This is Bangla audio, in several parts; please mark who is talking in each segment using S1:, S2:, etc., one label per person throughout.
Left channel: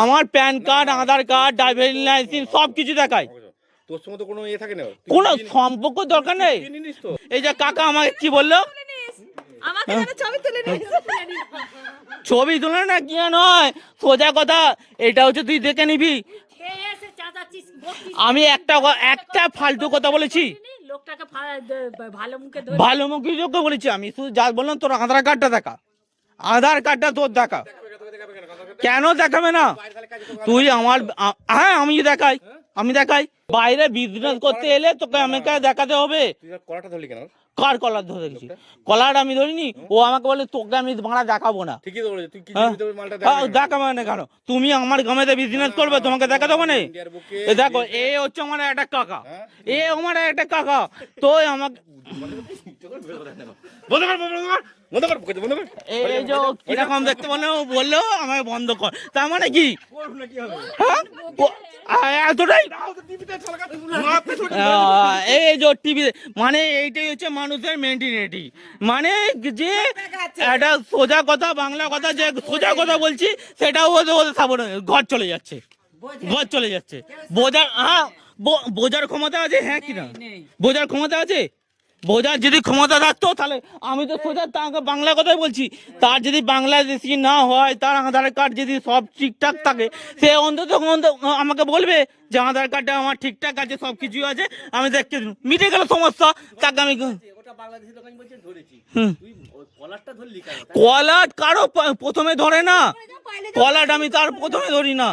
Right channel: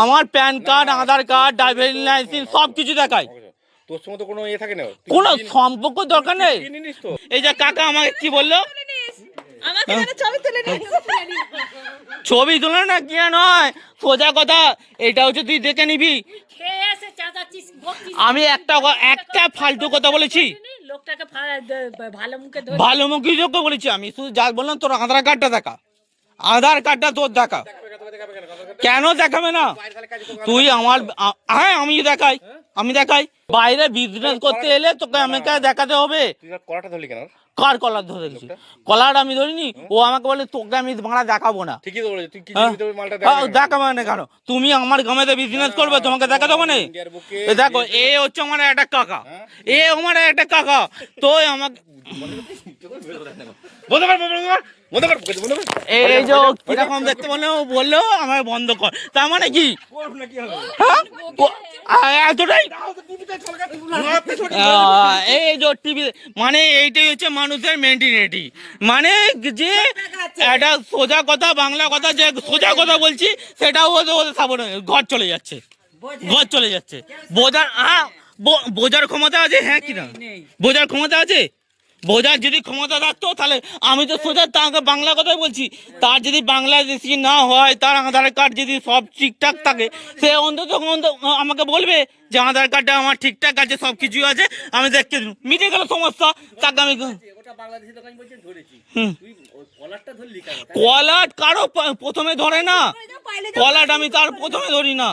S1: আমার PAN card Aadhaar card driving licence সব কিছু দেখায়।
S2: তোর সঙ্গে তো কোনো ইয়ে থাকে না।
S1: কোনো সম্পর্ক দরকার নেই?
S2: চিনি নিস তো।
S1: এই যে কাকা আমাকে কি বলল?
S3: ছবি তুলে নিস
S1: ছবি তুলে না কি নয় সোজা কথা এটা হচ্ছে তুই দেখে নিবি। আমি একটা একটা ফালতু কথা বলেছি।
S3: লোকটাকে ভালো মুখে
S1: ভালো মুখী যোগ্য বলেছি আমি। শুধু যা বললাম তোর আধার কার্ডটা দেখা। আধার কার্ডটা তোর দেখা। কেন দেখাবে না? তুই আমার হ্যাঁ আমি দেখাই আমি দেখাই। বাইরে বিজনেস করতে এলে তোকে আমাকে দেখাতে হবে।
S2: কলাটা ধরলি কেন?
S1: কার কলার ধরে দিচ্ছি কলার আমি ধরিনি ও আমাকে বলে তোকে আমি ভাড়া দেখাবো না।
S2: ঠিকই তো তুই কি
S1: হ্যাঁ?
S2: মালটা
S1: আহ, দেখাবো না কেন? তুমি আমার গ্রামেতে বিজনেস করবে তোমাকে দেখা দেবো না? এ দেখো এ হচ্ছে আমার একটা কাকা। এ আমার একটা কাকা। তো আমাকে
S2: বন্ধ কর বন্ধ কর বন্ধ কর
S1: এই যে কীরকম দেখতে বলল ও বলল আমাকে বন্ধ কর। তার মানে কি? হ্যাঁ? এতটাই? এই যে টিভি মানে এইটাই হচ্ছে মানুষের মেন্টিনিটি মানে যে একটা সোজা কথা বাংলা কথা যে সোজা কথা বলছি সেটাও ওদের ওদের সাবধান ঘর চলে যাচ্ছে। ঘর চলে যাচ্ছে। বোঝার হ্যাঁ বোঝার ক্ষমতা আছে হ্যাঁ কিনা বোঝার ক্ষমতা আছে? বোঝার যদি ক্ষমতা থাকতো তাহলে আমি তো সোজা তাকে বাংলা কথাই বলছি। তার যদি বাংলাদেশি না হয় তার আধার কার্ড যদি সব ঠিকঠাক থাকে সে অন্তত আমাকে বলবে যে আধার কার্ডটা আমার ঠিকঠাক আছে সব কিছু আছে আমি দেখতে দেবো। মিটে গেল সমস্যা। তাকে আমি কলাট কারও প্রথমে ধরে না। কলাট আমি তার প্রথমে ধরি না।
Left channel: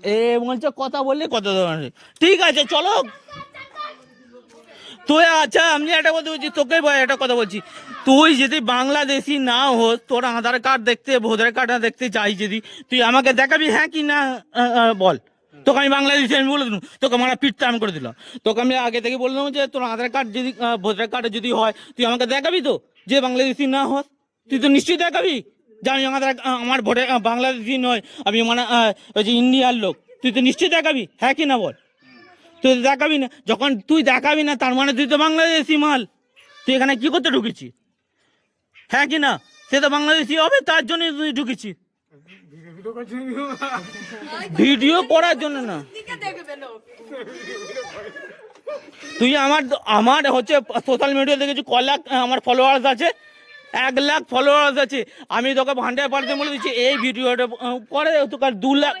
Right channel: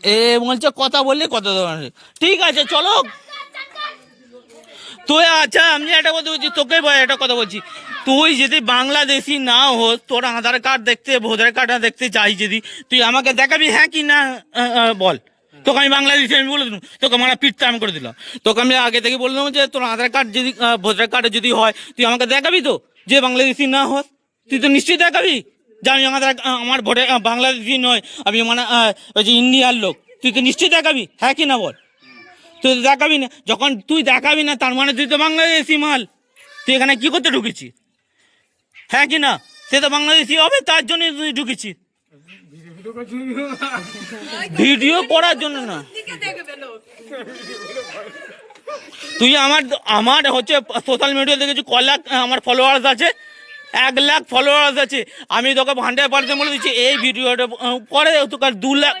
S1: এ বলছে কথা বললে কথা ধরে ঠিক আছে চলো। তুই আচ্ছা আমি একটা কথা বলছি তোকে একটা কথা বলছি। তুই যদি বাংলাদেশি না হোস, তোর আধার কার্ড দেখতে, ভোটার কার্ড দেখতে চাই যদি, তুই আমাকে দেখাবি হ্যাঁ কি না বল। তোকে আমি বাংলাদেশি, আমি বলে দিলাম তোকে আমার আমি করে দিলাম। তোকে আমি আগে থেকে বললাম যে, তোর আধার কার্ড যদি ভোটার কার্ড যদি হয়, তুই আমাকে দেখাবি তো, যে বাংলাদেশি না হোস। তুই তো নিশ্চয়ই দেখাবি যে আমি আধার আমার ভোটার বাংলাদেশি নয়, আমি মানে ওই যে ইন্ডিয়ার লোক। তুই তো নিশ্চয়ই দেখাবি হ্যাঁ কি না বল। তুই তো দেখাবি না, যখন তুই দেখাবি না, তার মানে তুই তো বাংলাদেশি মাল। তুই এখানে কি করতে ঢুকেছি? হ্যাঁ কি না? সে তো বাংলাদেশি হবে, তার জন্য তুই ঢুকেছি। ভিডিও করার জন্য না। তুই আমার আমার হচ্ছে সোশ্যাল মিডিয়াতে কিছু ক লাখ, আমার ফলোয়ার্স আছে, এক লাখ ফলোয়ার্স আছে। আমি তোকে হান্ড্রেড পার্সেন্ট বলে দিচ্ছি, এই ভিডিওটা পরে তোকে দু লাখ